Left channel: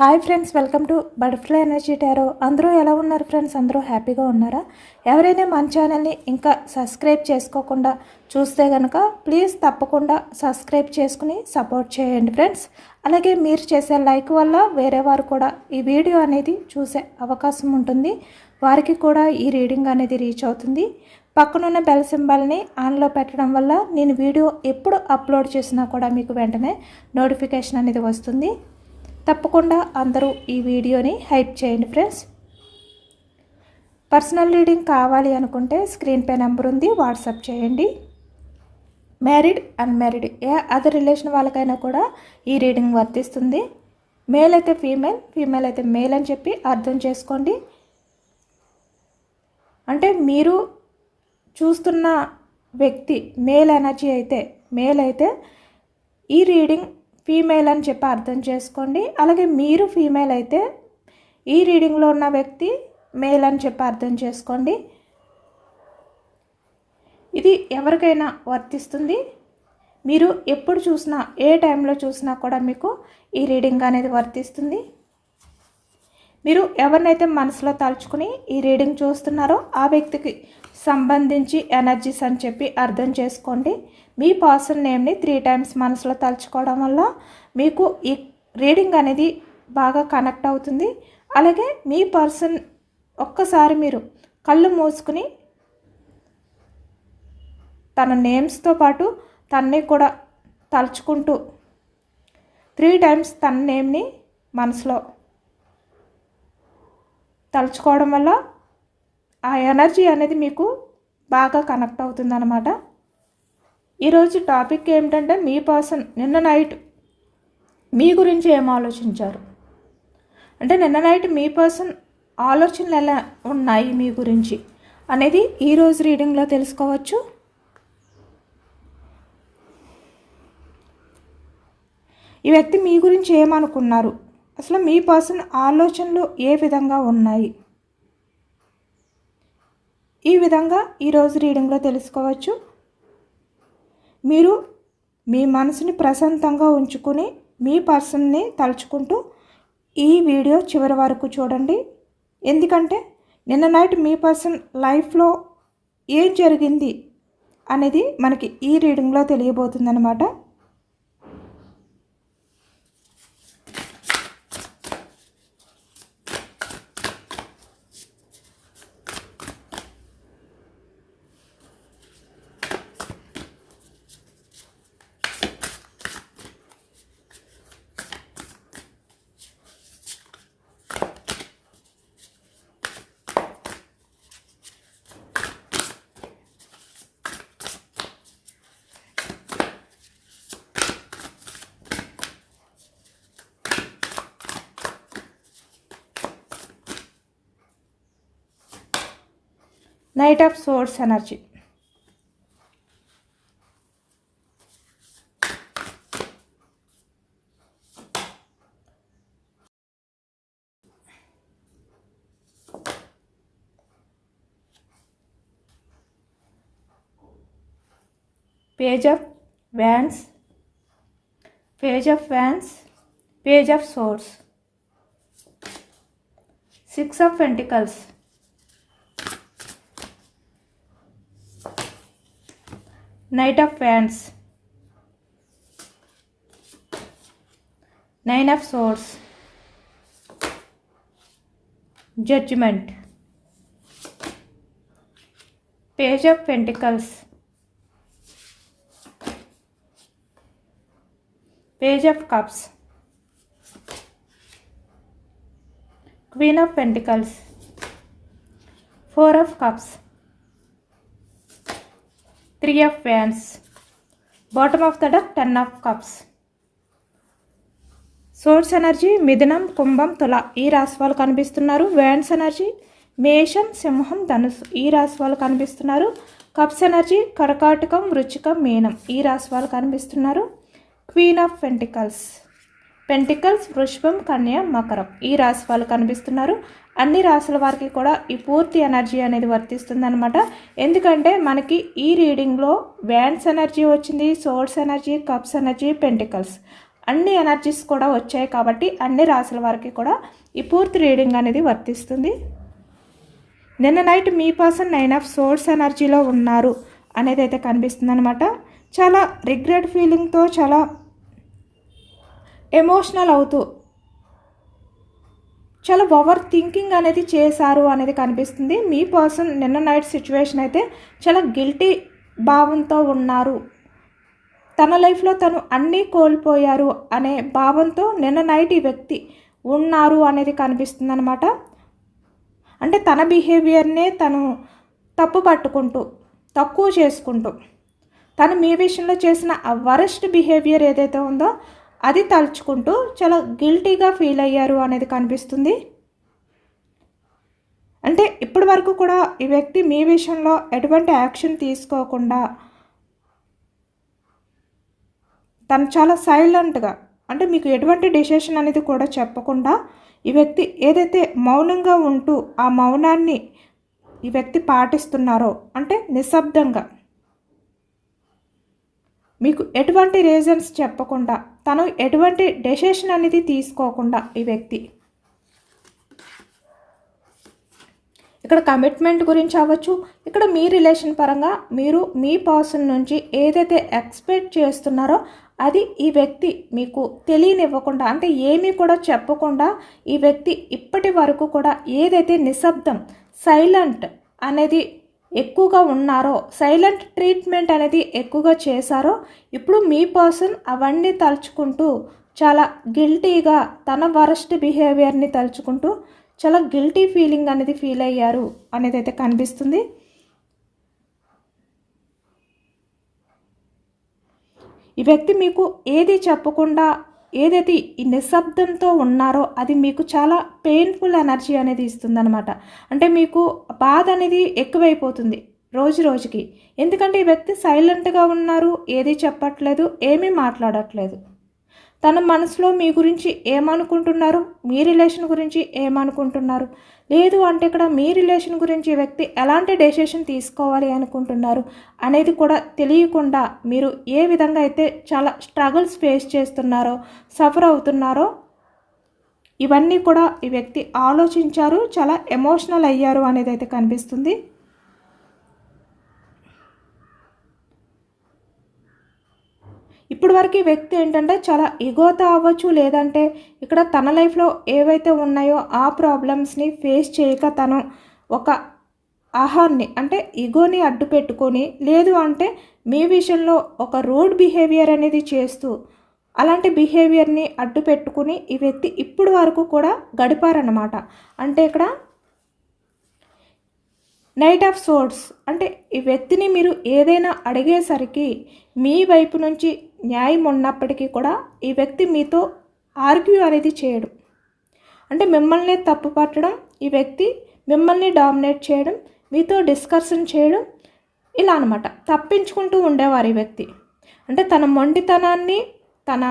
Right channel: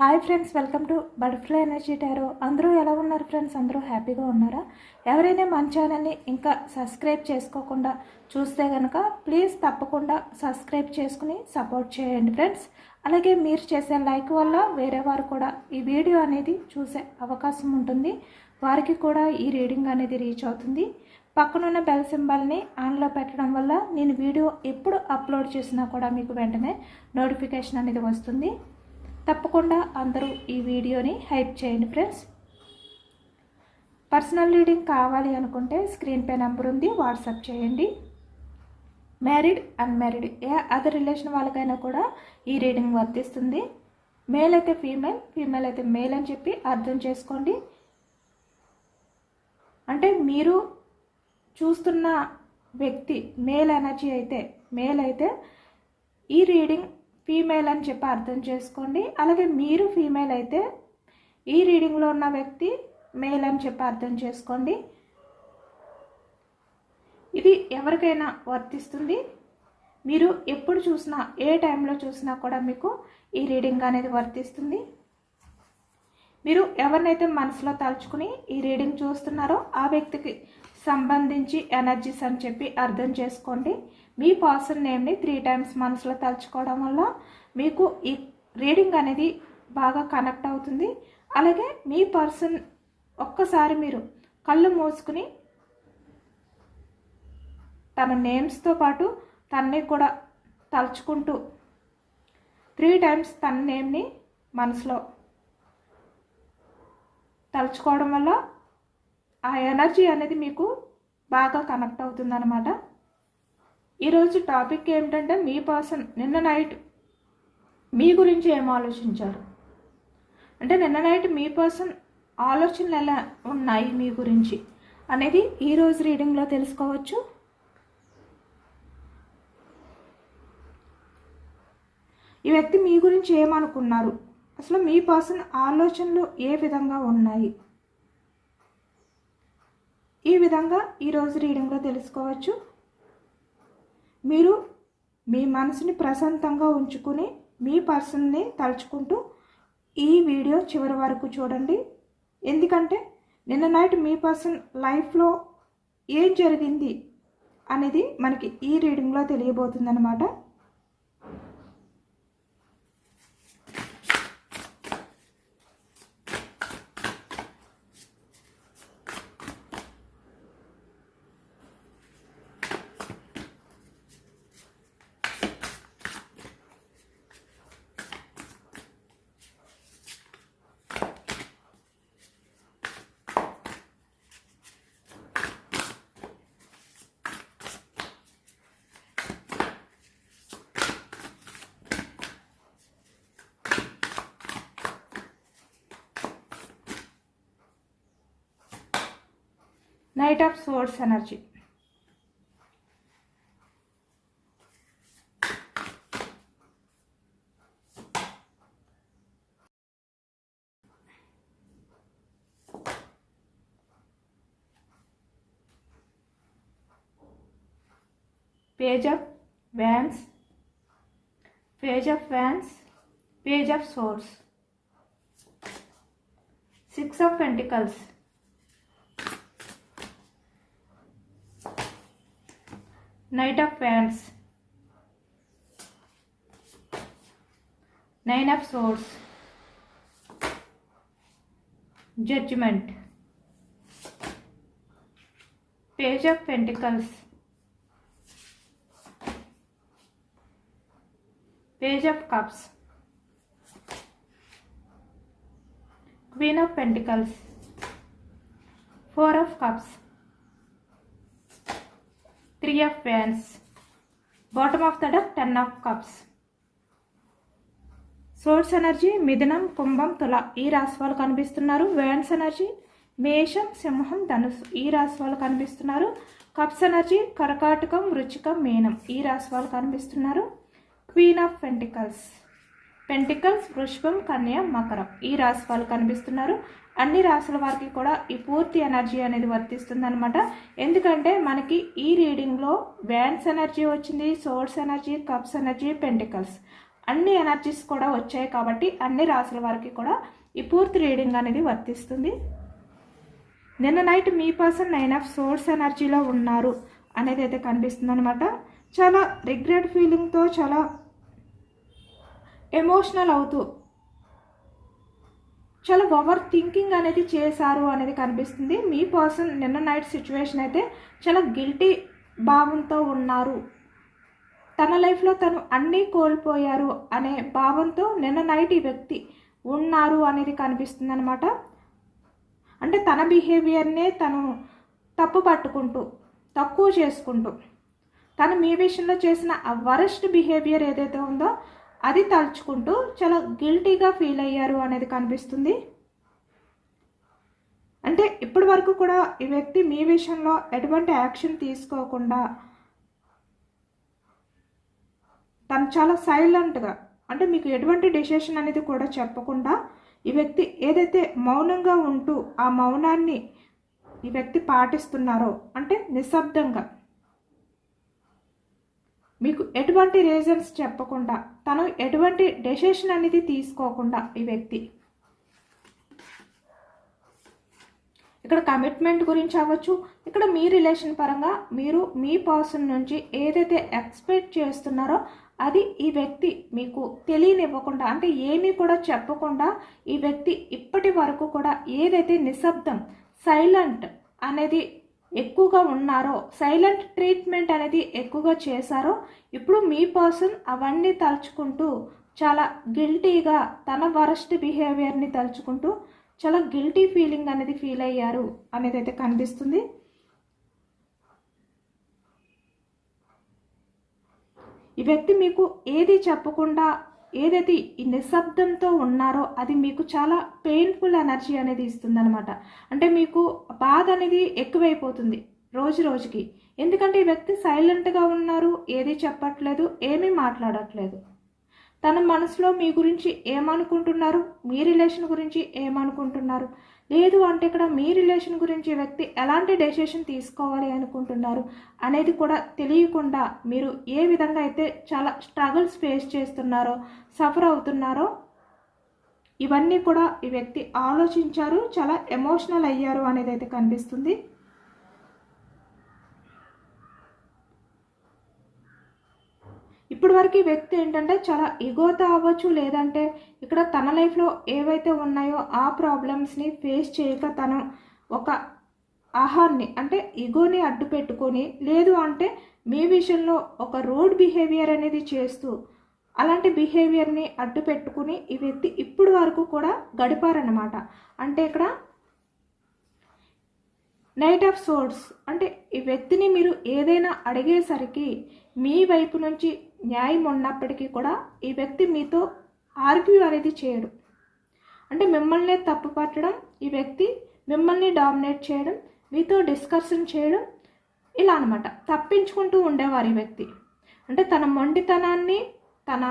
Hi friends, welcome to butterfly energy tarot. అందరూ ఎలా ఉన్నారు ఫ్రెండ్స్? అందరూ హ్యాపీగా ఉన్నారా? ఎవరైనా మన ఛానల్ని ఇంకా సబ్స్క్రైబ్ చేసుకోకుండా చూస్తే కనుక ప్లీజ్ తప్పకుండా సబ్స్క్రైబ్ చేసుకుని సపోర్ట్ చేయండి ఫ్రెండ్స్. అలాగే మీరు చేసే లైక్ వల్ల వేరే వారు కూడా ఈ వీడియో అనేది చూసే అవకాశం ఉంటుంది. వారికి కూడా ఈ రీడింగ్ అనేది రీచ్ అవుతుంది. పక్కనున్న బెల్ సింబల్ని ఆన్లో పెట్టడం వల్ల నేను వీడియో ఎప్పుడు అప్లోడ్ చేసినా కూడా మీకు వెంటనే నోటిఫికేషన్ అనేది వస్తుంది. తప్పకుండా అందరూ ఈ వీడియోని హైప్ చేయండి ఫ్రెండ్స్. పర్సనల్ రీడింగ్ కావాలి అనుకుంటే స్క్రీన్ పై నెంబర్ ఉంది, వాట్సాప్ చేయండి. మ్యారీడ్, అన్మ్యారీడ్ ఏ అదర్ రిలేషన్ వాళ్ళకైనా కూడా ఈ రీడింగ్ వర్తిస్తుంది. మేల్ అయితే ఫీమేల్, ఫీమేల్ అయితే మేల్ అని చెప్పి అర్థం చేసుకోండి. అంటే మీరు చూస్తున్న వ్యక్తి మేల్ ఎనర్జీ అయితే మేల్ అయితే ఈ రీడింగ్ ఫీమేల్ అని చెప్పి అర్థం చేసుకోండి. అలాగే మీరు ఫీమేల్ అయితే ఈ రీడింగ్లో ఉన్న వ్యక్తి మేల్ అని చెప్పి అర్థం చేసుకోండి. ఇది ఎవరికైనా వర్తిస్తుంది. మీరు ఎప్పుడు చూసినా ఏ టైంలో చూసినా కూడా మీకు ఈ రీడింగ్ అనేది వర్తిస్తుంది. మీరు ఎవరినైతే మనసులో తలుచుకుని ఈ రీడింగ్ చూస్తున్నారో ఆ వ్యక్తికి సంబంధించి ఎనర్జీస్ అని చెప్పి అర్థం చేసుకోండి. మీ పర్సన్ నేమ్ని 3 times మనసులో తలుచుకోవడం వల్ల మీకు ఈ రీడింగ్ అనేది బాగా కనెక్ట్ అవుతుంది. అలాగే మీ పర్సన్ ఒక్కసారి మీరు కళ్ళు మూసుకుని తన నేమ్స్తో పాటు తన్ని కూడా తలుచుకుంటూ 3 times తన నేమ్ని మనసులో తలుచుకోవడం వల్ల ఆ ఎనర్జీ అనేది మీకు బాగా కనెక్ట్ అవుతుందన్నమాట. ఈరోజు టాపిక్ ఏమిటంటే మీ పర్సన్ నిన్న నైట్ మీ గురించి ఏం ఆలోచించారు, అంటే నిన్న నైట్ మీ పర్సన్ ఆలోచనలు ఎలా ఉన్నాయి మీ గురించి అనేది ఈరోజు రీడింగ్లో తెలుసుకోవచ్చు. ఈ వ్యక్తి మీ గురించి ఏమనుకున్నారు, అసలు మీ పర్సన్ ఆలోచనలు ఏ విధంగా ఉన్నాయి, ఈ విధంగా ఈరోజు రీడింగ్లో తెలుసుకోవచ్చు. మీరు మీ మనసుని ప్రశాంతంగా ఉంచుకుని మీ పర్సన్ని తలుచుకుంటూ ఈ వీడియో చివరి వరకు చూడండి. ఎందుకంటే నిన్న నైట్ మీ పర్సన్ లైఫ్లో ఏం జరిగింది అనేది మనకి ఈ రీడింగ్లో తెలియబోతుంది అన్నమాట. Knight of Swords energy. Page of Wands, Page of Wands, Page of Swords, 6 of Pentacles, Knight of Wands, 9 of Swords, Judgment, Page of Pentacles, Page of Cups, Queen of Pentacles, 4 of Cups, 3 of Wands, bottom of the deck 10 of Cups. Source energy మిథునం, కుంభం, తుల ఈ రాశి వాళ్ళు కనిపిస్తున్నారు. Wands energy మేషం, సింహం, ధనుసు ఈ రాశి వాళ్ళు కనిపిస్తున్నారు. కప్స్ ఎనర్జీ కర్కాటకం, వృచ్చికం, మీనం ఈ రాశి వాళ్ళు కనిపిస్తున్నారు. క్వీన్ ఆఫ్ పెంటికల్స్, పెంటికల్స్, వృషభం, కన్య, మకరం ఈ రాశి వాళ్ళు కనిపిస్తున్నారు. అన్ని రాశుల వారికి కూడా ఈ పూర్తి ఎనర్జీ అనేది వర్తిస్తుంది అనమాట. ఎందుకంటే మనకి ఈ రీడింగ్లో వ్యాన్స్ ఎనర్జీ వచ్చింది, source energy, cups energy, pentacles అన్ని ఎనర్జీస్ కూడా వచ్చాయి కాబట్టి అన్ని రాశుల వారికి కూడా ఈ పూర్తి రీడింగ్ అనేది వర్తిస్తుంది. నిన్న నైట్ మీ పర్సన్ 9 ఆఫ్ సోర్స్ ఎనర్జీలో ఉన్నారు అనేది అయితే కనిపిస్తుంది అనమాట. చాలా రిగ్రెట్ ఫీలింగ్తో, చాలా ఎమోషనల్ అవుతూ, చాలా ఓవర్ థింకింగ్ అనేది చేశారు అనేది కనిపిస్తుంది. మీ పర్సన్ నిన్న నైట్ సిచ్యువేషన్ అయితే చాలా గిల్టీ భావంతో ఉన్నారు. తన లైఫ్లో తను అన్నీ కోల్పోయారు అనే భావంతో నిన్న నైట్ ఈ వ్యక్తి ఉన్నారు అనేది కనిపిస్తుంది అనమాట. అంటే తన బిహేవియర్నే తను తప్పు పట్టుకుంటూ, తక్కువ చేసుకుంటూ, తను మీ విషయంలో చేసిన ఆ వరస్ట్ బిహేవియర్ ఏదైతే ఉందో అది తలుచుకుంటూ చాలా గిల్టీగా ఫీల్ అయ్యారు అనేది కనిపిస్తుంది. అంటే ఇప్పటి వరకు కూడా ఈ వ్యక్తి మీ విషయంలో ఎటువంటి యాక్షన్ తీసుకోకుండా తను చాలా సైలెంట్గా, అంటే మీకు ఎటువంటి డెసిషన్ అనేది కూడా చెప్పకుండా ఈ వ్యక్తి ఏదైతే మౌనంగా ఉంటూ ఆ మౌనాన్ని ఈ వ్యక్తి పాటిస్తున్నారో, అంటే నిశ్శబ్దంగా మీకు ఎటువంటి రీజన్స్ చెప్పకుండా, తను ఎటువంటి డెసిషన్ అనేది తీసుకోకుండా ఈ వ్యక్తి ఇక్కడ కమిట్మెంట్ గురించి అవ్వచ్చు, ఇక్కడ మీ రిలేషన్ పరంగా మీరు మీ పర్సన్ నుంచి ఏదైతే ఎక్స్పెక్ట్ చేస్తున్నారో అది ఈ వ్యక్తి మీకు తెలియనివ్వకుండా, అంటే ఏమీ కూడా చెప్పకుండా ఈ వ్యక్తి ఇప్పటి వరకు కూడా ఏదైతే నిశ్శబ్దం, సైలెంట్ అనేది ఎక్కువగా ఉన్నారో, సైలెంట్ ట్రీట్మెంట్ అనేది ఎక్కువగా చేశారో, ఇప్పుడు మీ పర్సన్ అవన్నీ తలుచుకుంటూ చాలా గిల్టీగా తన వరస్ట్ బిహేవియర్ని తలుచుకుంటూ చాలా గిల్టీ ఫీలింగ్ అనేది ఫీల్ అయ్యారు అనేది అయితే కనిపిస్తుంది. ఈ వ్యక్తి మీకు ఏది చెప్పకుండా ఏదైతే ఈ నిశ్శబ్దంతో ఉన్నారో అది మీకు చాలా పెయిన్ఫుల్ ఎనర్జీ అనేది ఇస్తుందన్నమాట. అంటే మీకు బాధ అనేది ఎక్కువైపోతుంది రోజు రోజుకి. ఎందుకంటే ఈ వ్యక్తి సైలెంట్గా ఉన్నారు, ఏది చెప్పట్లేదు, ఏమీ మాట్లాడట్లేదు. తన మనసులో మీ గురించి ఏమనుకుంటున్నారు, మీ రిలేషన్ గురించి ఏమనుకుంటున్నారు, లేదు అంటే ఇక్కడ మీ రిలేషన్ గురించి వ్యక్తి ఎలాంటి డెసిషన్ తీసుకోవాలి అనుకుంటున్నారు అనేది కూడా తెలియకుండా మీరు ఏ విధంగా అయితే చాలా స్ట్రగుల్స్ ఫేస్ చేస్తున్నారో, సఫర్ అవుతున్నారో ఇవన్నీ కూడా ఈ వ్యక్తి ఆలోచించారు, చాలా ఎమోషనల్ అయ్యారు అనేది అయితే కనిపిస్తుంది. ఇప్పటి వరకు ఈ వ్యక్తి ఏంటంటే చాలా ఇగోతో అవ్వచ్చు, లేదంటే ఇక్కడ తన లైఫ్లో ఏవైతే ఉన్నాయో ఆ ప్రాబ్లమ్స్ని ఫేస్ చేయక తను ఒక ఆహాన్ని, అంటే ఇగోని అడ్డు పెట్టుకొని, లేదు అంటే మీ విషయంలో ఒక రూడ్ బిహేవియర్ అనేది చేస్తూ అలాంటి బిహేవియర్ని అడ్డు పెట్టుకుని ఈ వ్యక్తి ఇప్పుడు వరకు కూడా గడిపారన్నమాట. అంటే ఇక్కడ నైట్ ఆఫ్ సోర్డ్స్, అంటే ఈ వ్యక్తిని మీరు ఏదైనా అడిగేసరికి మీ వైపు నుంచి న్యాయం ఉన్నప్పటికీ కూడా ఈ వ్యక్తి మీతో ఆర్గ్యూ అనేది చేయడం, అంటే మిమ్మల్ని తప్పు పట్టడం, ఈ వ్యక్తి మిమ్మల్ని డామినేట్ చేయడం, మీతో డిస్కషన్ చేయడం, ఇలా అనమాట తప్పించుకుంటూ ఉండేవారు ఈ వ్యక్తి. అంటే తన మొండితనాన్ని, తన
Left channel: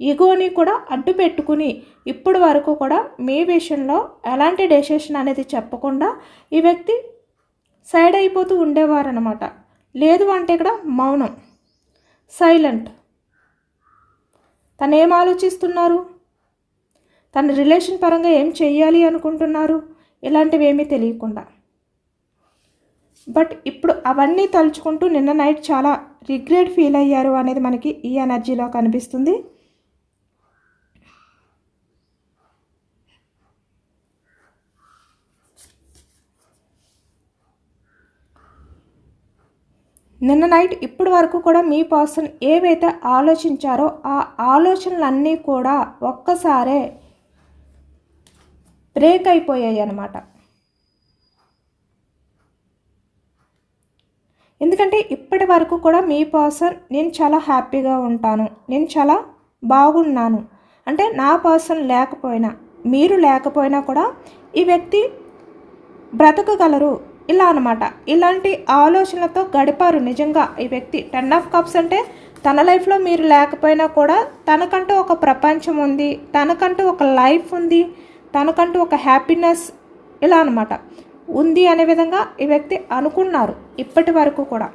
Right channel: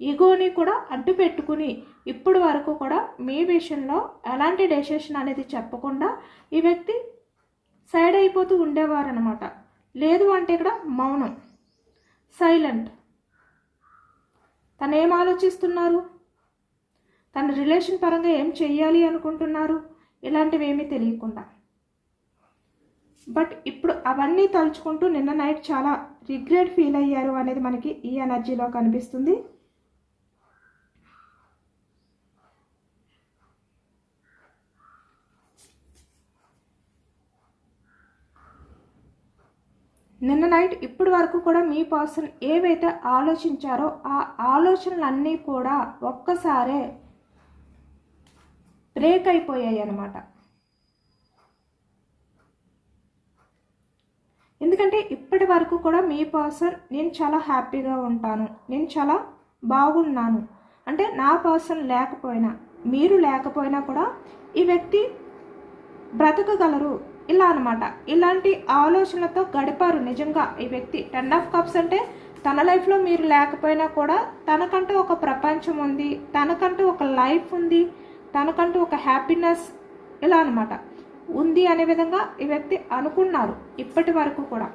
ఈగోని కూడా అడ్డు పెట్టుకుని ఇప్పుడు వరకు కూడా మీ విషయంలో ఎలాంటి డెసిషన్ అనేది చెప్పకుండా ఈ వ్యక్తి సైడ్ అయిపోతూ ఉండేవారనమాట. లేదు అంటే ఇక్కడ మౌనం, సైలెంట్. తను ఏం ఆలోచిస్తున్నారు, తన రిలేషన్ పరంగా ఏం చెయ్యాలి అనుకుంటున్నారు, ఇలాంటివి ఏమీ తెలియకుండా. బట్ ఇప్పుడు అవన్నీ తలుచుకుంటూ నిన్న నైట్ చాలా రిగ్రెట్ ఫీల్ అయ్యారు అనేది మనకి ఈ ఎనర్జీలో కనిపిస్తుంది. నిన్న నైట్ ఇప్పటి వరకు కూడా మీ పర్సన్ ఏవైతే ఆలోచించారో ఆ ఆలోచనలన్నీ కూడా ఒక్కసారే బ్రేక్ అయిపోయాయి అన్నమాట. ఎందుకంటే ఇప్పటి వరకు కూడా మీ పర్సన్ నేను చాలా హ్యాపీగా ఉంటాను, నేను చాలా బాగున్నాను, అంటే నా పర్సన్ లేకపోయినా, మీరు లేకపోయినా కూడా ఈ వ్యక్తి బ్రతకగలరు, ఇలా అనమాట. ఇలాంటి ఆలోచనలతో గడిపారు నిజంగా ఈ వ్యక్తి. 10 ఆఫ్ కప్స్ అంటే తన లైఫ్లో మీరు లేకపోయినా కూడా తనకంటూ ఒక ప్రపంచం ఉంది, తనకంటూ ఒక లైఫ్ ఉంది, తనకంటూ ఒక హ్యాపీనెస్ ఇలా అనమాట ఉంది అనే విధంగా ఈ వ్యక్తి అనుకున్నారు ఇప్పటి వరకు కూడా.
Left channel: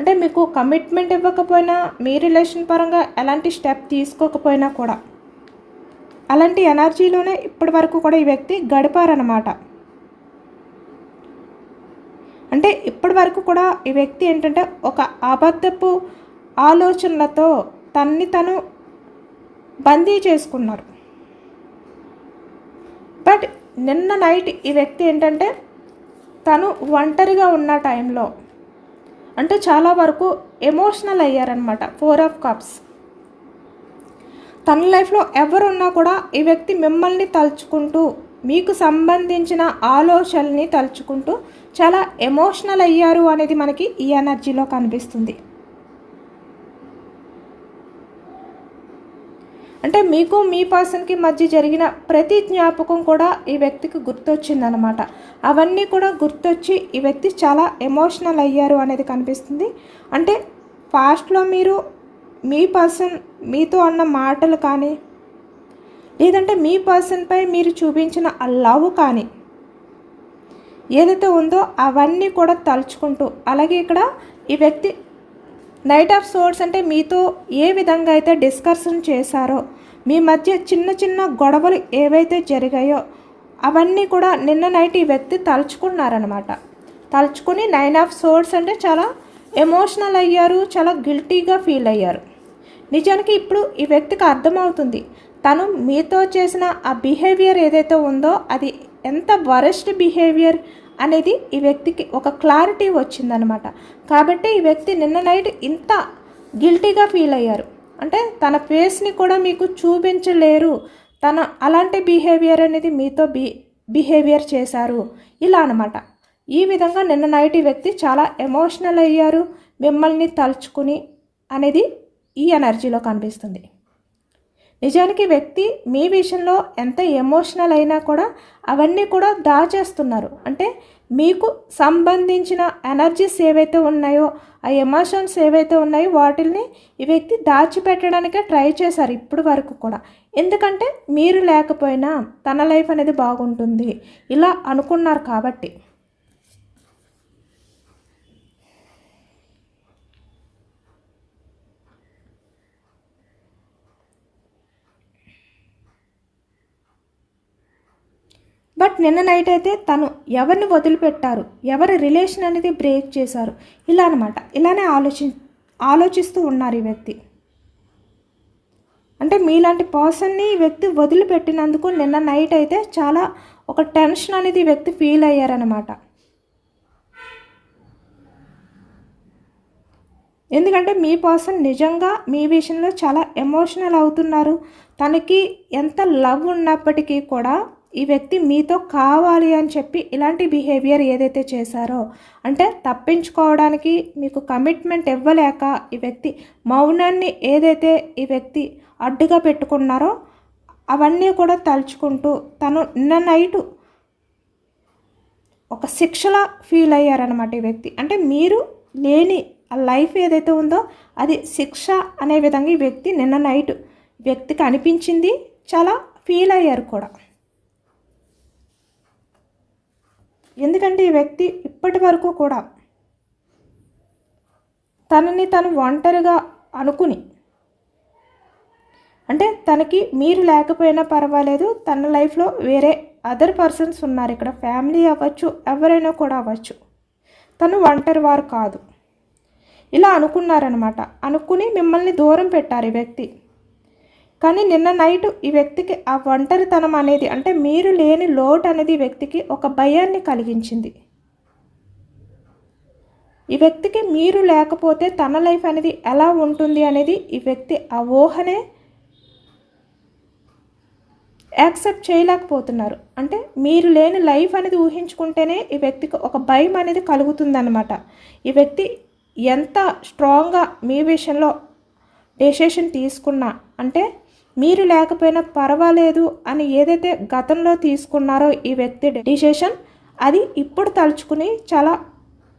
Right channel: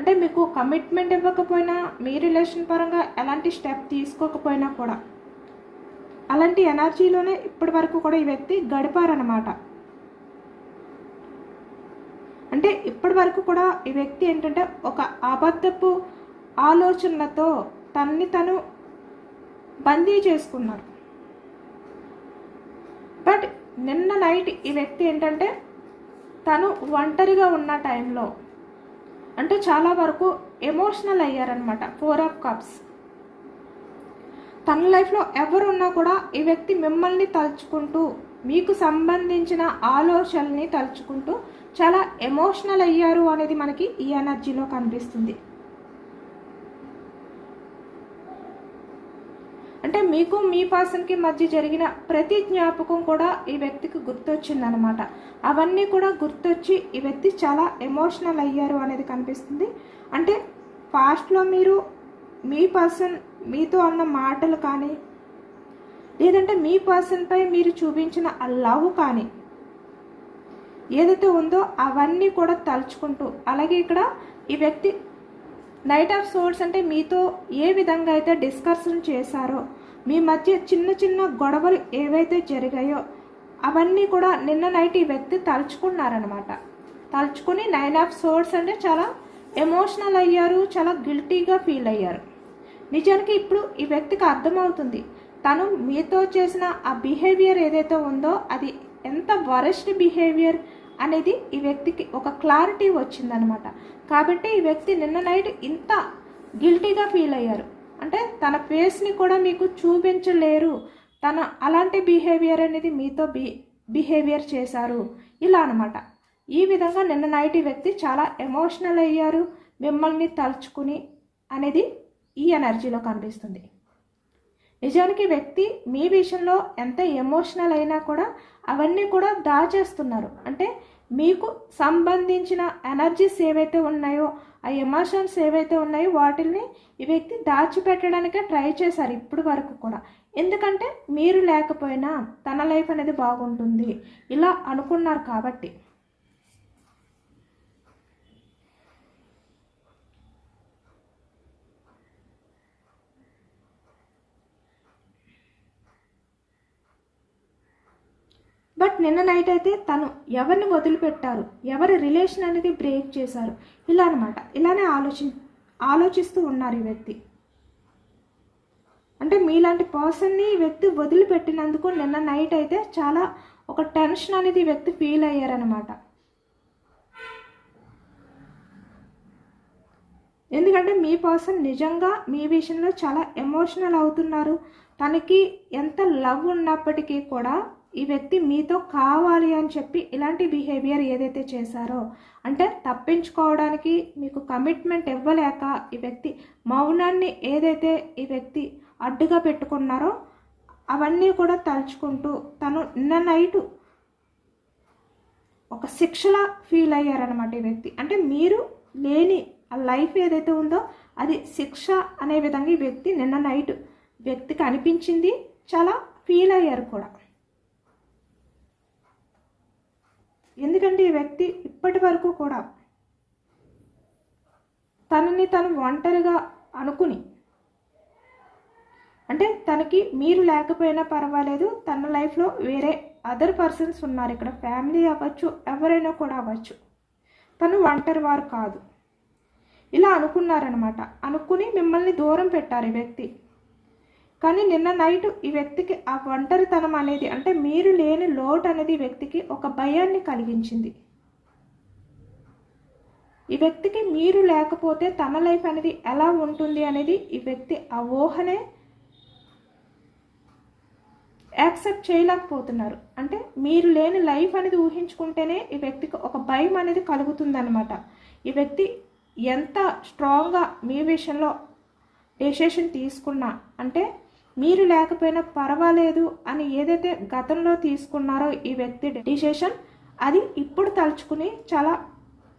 అంటే మీకు కమిట్మెంట్ ఇవ్వకపోయినా, మీ రిలేషన్ పరంగా ఎలాంటి స్టెప్ తీసుకోకపోయినా కూడా అలాంటి ఎనర్జీలోనే ఇప్పటి వరకు కూడా ఈ వ్యక్తి గడిపారనమాట. అంటే ఇప్పటి వరకు కూడా ఈ వ్యక్తి ఏంటంటే ఒక అబద్ధపు ఆలోచనలతో తన్ని తను బందీ చేసుకున్నారు. బట్ నిన్న నైట్ ఈ వ్యక్తి ఏంటంటే తను ఒంటరిగా ఉన్న టైంలో అంటే చాలా వరకు ఎమోషనల్ అయ్యారనమాట. 4 of cups. తన లైఫ్లో ఎవరున్నా కూడా ఈ వ్యక్తి మిమ్మల్ని తలుచుకుంటూ, మీకు సంబంధించిన ఆలోచనల్ని తలుచుకుంటూ చాలా ఎమోషనల్ అయ్యారు అనేది మనకి ఈ ఎనర్జీలో కనిపిస్తుంది. అంటే మీకు మీ పర్సన్కి మధ్య జరిగిన ప్రతి జ్ఞాపకం కూడా ఈ వ్యక్తికి గుర్తొచ్చిందనమాట. అవన్నీ కూడా గుర్తొచ్చి ఈ వ్యక్తి చాలా ఎమోషనల్ అయ్యారు అనేది కనిపిస్తుంది. అంటే పాస్ట్లో మీరు మీ పర్సన్ మీతో అన్న మాటలు కానీ, లేదంటే మీ పర్సన్పై మీరు చూపించిన ఆ లవ్ కానీ ఏదైతే ఉందో అవన్నీ కూడా తలుచుకుంటూ, అలాగే ఇక్కడ ఈ వ్యక్తి నైట్ ఆఫ్ సోర్డ్స్ అంటే మీతో ఏ విధంగా అయితే డిస్కషన్ చేశారో, మీ మధ్య చిన్న చిన్న గొడవలు ఏవైతే జరిగాయో అవన్నీ కూడా నిన్న నైట్ ఈ వ్యక్తి తలుచుకున్నారనమాట. తలుచుకుని 9 ఆఫ్ సోర్డ్స్ అంటే చాలా ఎమోషనల్ అయ్యారు, చాలా గిల్టీగా ఫీల్ అయ్యారు. నిజానికి ఇప్పుడు ఈ వ్యక్తికి అర్థమవుతుంది తను మీతో చేసిన ఆ బిహేవియర్ ఏదైతే ఉందో అది ఎంత వరస్ట్ బిహేవియర్ అనేది ఈ వ్యక్తికి ఒక క్లారిటీ వచ్చిందనమాట. కాబట్టి ఈ వ్యక్తి నిన్న నైట్ ఇంత గిల్టీగా ఫీల్ అయ్యారు. అంటే తన ఫేస్ని కూడా మీకు చూపించలేరు, తన అలాంటి బిహేవియర్ అనేది మీతో బిహేవియర్ చేశారు ఇలా అనమాట. ఈ విధంగా నిన్న నైట్ ఈ వ్యక్తి చాలా ఎమోషనల్ అయ్యారు, మిమ్మల్ని తలుచుకుని అనేది ఈ ఎనర్జీలో కనిపిస్తుంది. నిజానికి వ్యక్తి మీ విషయంలో ఎంత ఎమోషనల్ అయినా కూడా అవన్నీ కూడా దాచేస్తున్నారు. అంటే మీకు సంబంధించిన ఎనర్జీస్ ఏవైతే ఉన్నాయో, ఆ ఎమోషన్స్ ఏవైతే ఉన్నాయో వాటిని ఈ వ్యక్తి దాచిపెట్టడానికే ట్రై చేశారు ఇప్పుడు వరకు కూడా. ఎందుకంటే మీరు లేకపోయినా తన లైఫ్ అనేది బాగుంటుంది ఇలా అనుకున్నారు కాబట్టి. బట్ నిన్న నైట్ అయితే తను ఎవరిని వదిలిపెట్టారు, ఎవరి రిలేషన్ అనేది బ్రేక్ చేశారు ఇలా అనమాట. ఇలానే ఆలోచిస్తూ ఉన్నారు ఈ వ్యక్తి. అంటే మీలాంటి పర్సన్ని ఈ వ్యక్తి వదిలిపెట్టినందుకు నిన్న నైట్ అయితే చాలా ఒక టెన్షన్ అనేది ఈ వ్యక్తి ఫీల్ అయ్యారనమాట. ఎందుకంటే మీ పర్సన్ నిజంగా మీ విషయంలో చాలా ఎమోషనల్ అవుతున్నారు. తనకి ఎంత లవ్ ఉన్నప్పటికీ కూడా ఈ వ్యక్తి మీతో కావాలి అని చెప్పి ఇలాంటి బిహేవియర్ ఏదైతే చేశారో, అంటే తప్పించుకోవడానికి మీకు కమిట్మెంట్ ఇవ్వలేక ఈ వ్యక్తి మౌనాన్ని ఏదైతే ఈ వ్యక్తి అడ్డుగా పెట్టుకున్నారో అవన్నీ కూడా తలుచుకుంటూ తను నిన్న నైటు ఒక శిక్షలా ఫీల్ అయ్యారనమాట ఈ వ్యక్తి. అంటే మీరు లేని ఆ లైఫ్ ఏదైతే ఉందో అది శిక్ష అనే విధంగా ఈ వ్యక్తి నిన్న నైట్ వ్యక్తికి అనిపించింది, చాలా ఫీల్ అయ్యారు కూడా. ఎందుకంటే ఈ వ్యక్తి ఇప్పటి వరకు కూడా తనని తను ఒంటరిగా అనుకుని, అంటే తనకి మీరు లేకపోయినా పర్వాలేదు, తన లైఫ్లో వేరే అదర్ పర్సన్స్ ఉన్నారు, ఇక్కడ ఫ్యామిలీ అవ్వచ్చు, ఎవరైనా కూడా అవ్వచ్చు, తను ఒంటరి వారు కాదు ఇలా అనుకున్నారనమాట. అనుకుని మిమ్మల్ని దూరం పెట్టారు ఈ వ్యక్తి. కానీ నిన్న నైట్ ఈ వ్యక్తికి ఆ ఒంటరితనం అనేది, అంటే మీరు లేని లోటు అనేది ఈ వ్యక్తికి ఒక భయాన్ని కలిగించింది. ఈ వ్యక్తికి మీరు లేకపోతే తన లైఫ్ అనేది ఎలా ఉంటుంది అనేది ఈ వ్యక్తి ఆ ఊహనే యాక్సెప్ట్ చేయలేకపోతున్నారు. అంటే మీరు లేని లైఫ్ అనేది ఊహించుకుంటేనే ఈ వ్యక్తికి ఒక భయం అనేది కలుగుతుందన్నమాట. ఈ వ్యక్తి ఎంత స్ట్రాంగ్గా మీ విషయంలో డెసిషన్ తీసుకున్నా, అంటే మీరు లేకపోయినా పర్వాలేదు అని ఏదైతే గతంలో తీసుకున్నారో ఈ వ్యక్తి డెసిషన్, అది ఇప్పుడు తలుచుకుని చాలా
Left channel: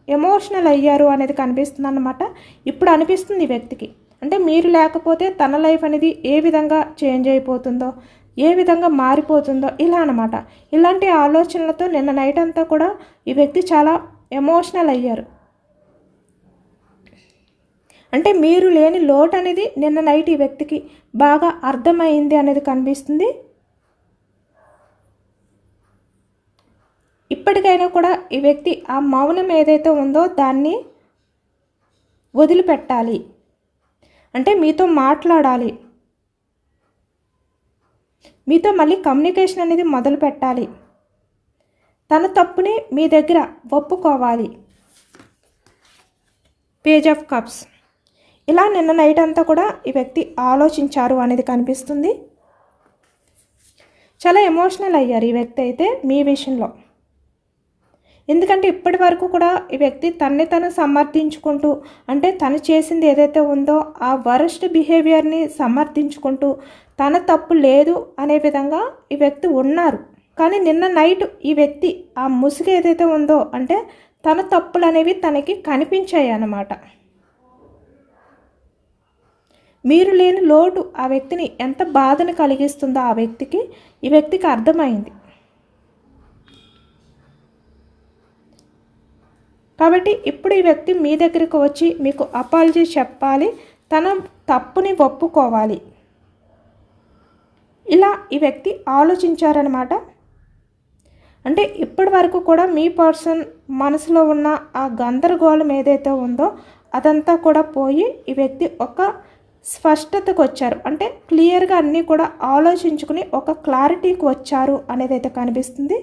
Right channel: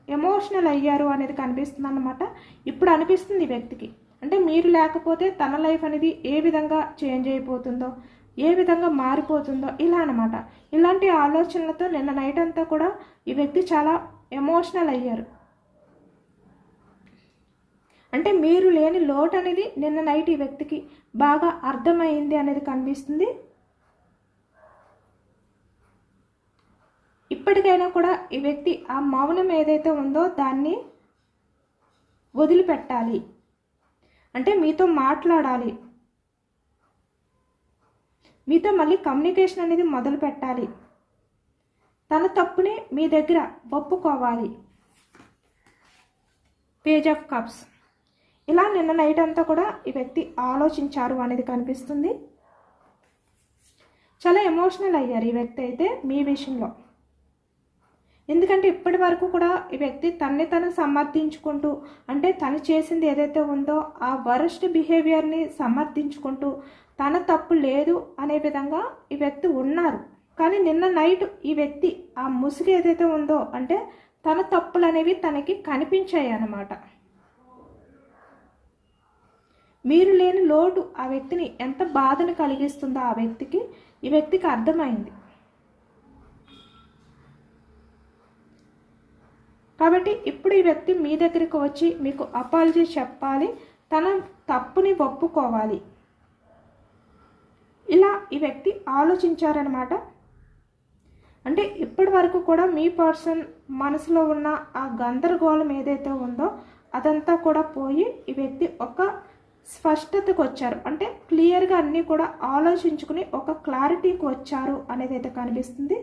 ఎమోషనల్ అయ్యారు అనేది కనిపిస్తుంది అన్నమాట. ఇప్పుడు అనిపిస్తుంది ఈ వ్యక్తికి, అంటే మీరు లేకపోతే తన లైఫ్ అనేది ఏ విధంగా చేంజ్ అయిపోతుందో, ఏ విధంగా మారిపోతుందో ఇలా అనమాట. ఇలాంటి ఆలోచనలతో నిన్న నైట్ అంతా కూడా ఈ వ్యక్తి చాలా ఎమోషనల్ అయ్యారు. అంటే మీరు లేని లోటు అనేది నిన్న నైట్ ఈ వ్యక్తికి బాగా అర్థమైంది అనేది కనిపిస్తుంది. ఇప్పటికైనా కూడా ఈ వ్యక్తి ఆ మౌనం ఏదైతే ఉందో దాన్ని వదిలిపెట్టాలి, అంటే మీతో మాట్లాడాలి, మీతో మళ్ళీ కమ్యూనికేషన్ అనేది మొదలు పెట్టాలి, తన తప్పుని మీ దగ్గర ఒప్పుకోవాలి. Page of cups. ఇలా నిన్న నైట్ అంతా కూడా ఈ వ్యక్తి ఆలోచించారు అనేది కనిపిస్తుంది. చాలా ఎమోషనల్ అయ్యారు ఈ వ్యక్తి అయితే మీ విషయంలో. ఎందుకంటే ఇప్పటి వరకు కూడా ఈ వ్యక్తి తన్ని తను సమర్థించుకుంటూ, అంటే తను చేసింది ఏదైతే ఉందో ఆ వరస్ట్ బిహేవియర్ని సమర్థించుకుంటూ తన తప్పు లేదు అనే విధంగా ఈ వ్యక్తి ఉన్నారు. కానీ నిన్న నైట్ ఈ వ్యక్తి ఆ ముసుగు ఏదైతే ఉందో, అంటే తన తప్పులు అనేవి తనకి కనిపించాయి అన్నమాట. మీరు లేని లోటు ఆ వ్యక్తిని ఎంత బాధను కలిగిస్తుందో ఆ వ్యక్తికి ఈ వ్యక్తికి అర్థమైంది. కాబట్టి ఇప్పుడు ఈ వ్యక్తి మీ దగ్గరికి వచ్చి మీకు అపాలజీ చెప్పాలి, తన తప్పుని ఒప్పుకోవాలి. ఇలా ఈ వ్యక్తి ఆలోచించారనమాట. అంటే ఇప్పటి వరకు కూడా మీ పర్సన్ మనసులో ఉన్న ఆ గందరగోళం ఏదైతే ఉందో అదంతా కూడా పోయి ఈ వ్యక్తి ఒక స్పష్టతకు వచ్చారు. అంటే క్లియర్గా అన్నీ కూడా ఆలోచించుకుని ఒక క్లారిటీకి వచ్చారు అనేది అయితే కనిపిస్తుంది.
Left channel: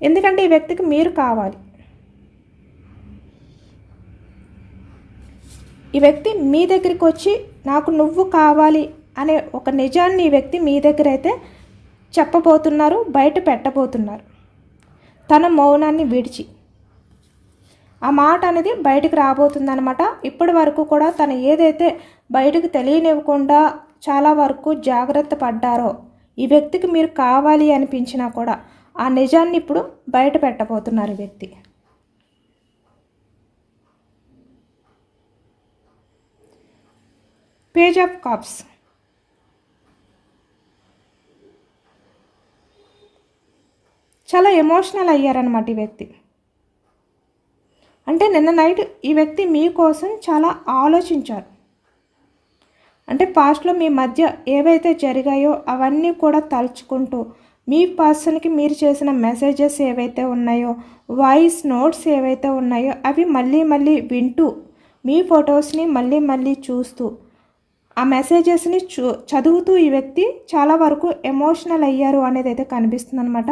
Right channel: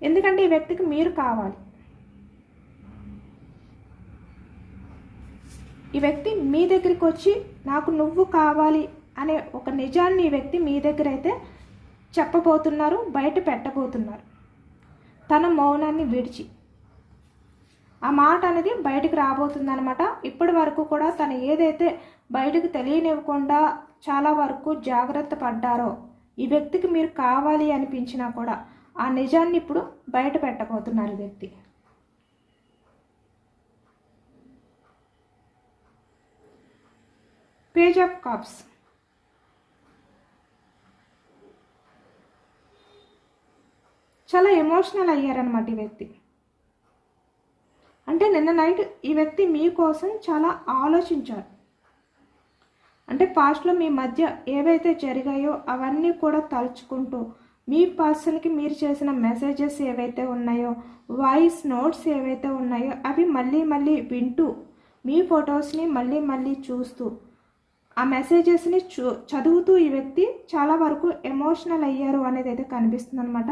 ఎందుకంటే ఈ వ్యక్తికి మీరు కావాలి. ఈ వ్యక్తి మీ దగ్గరికి వచ్చి నాకు నువ్వు కావాలి అనే ఒక నిజాన్ని ఈ వ్యక్తి మీ దగ్గర అయితే చెప్పబోతున్నారు, బయట పెట్టబోతున్నారు. తన మౌనాన్ని విడిచి ఆ మాట అనేది బయటకు రాబోతుందన్నమాట. ఇప్పటి వరకు కూడా తను ఏదైతే బయటకు తెలియనివ్వకుండా చాలా వరకు జాగ్రత్త పడ్డారో, ఈ వ్యక్తికి మీరు కావాలి అనిపించినా కూడా ఆ నిజాన్ని ఇప్పుడు బయట పెట్టబోతున్నారు ఈ వ్యక్తి. Page of cups. చాలా ఎమోషనల్ అయ్యారనమాట ఈ వ్యక్తి. అంటే నిన్న నైట్ ఈ వ్యక్తి మీకోసం చాలా ఆలోచించారు. అంటే పాస్ట్లో మీ మధ్య ఏవైతే జరిగాయో అవన్నీ కూడా తలుచుకుంటూ, మీ పర్సన్కి మీరు చేసిన మెసేజెస్ ఏవైతే ఉన్నాయో, వాయిస్ నోట్స్ ఏవైతే ఉన్నాయో అవి మళ్ళీ మళ్ళీ వింటూ, మీ ఫొటోస్ని మళ్ళీ మళ్ళీ చూస్తూ, ఆ మెసేజెస్ని చదువుతూ ఈ వ్యక్తి చాలా వరకు ఎమోషనల్ అయ్యారు అనేది అయితే కనిపిస్తుంది అనమాట.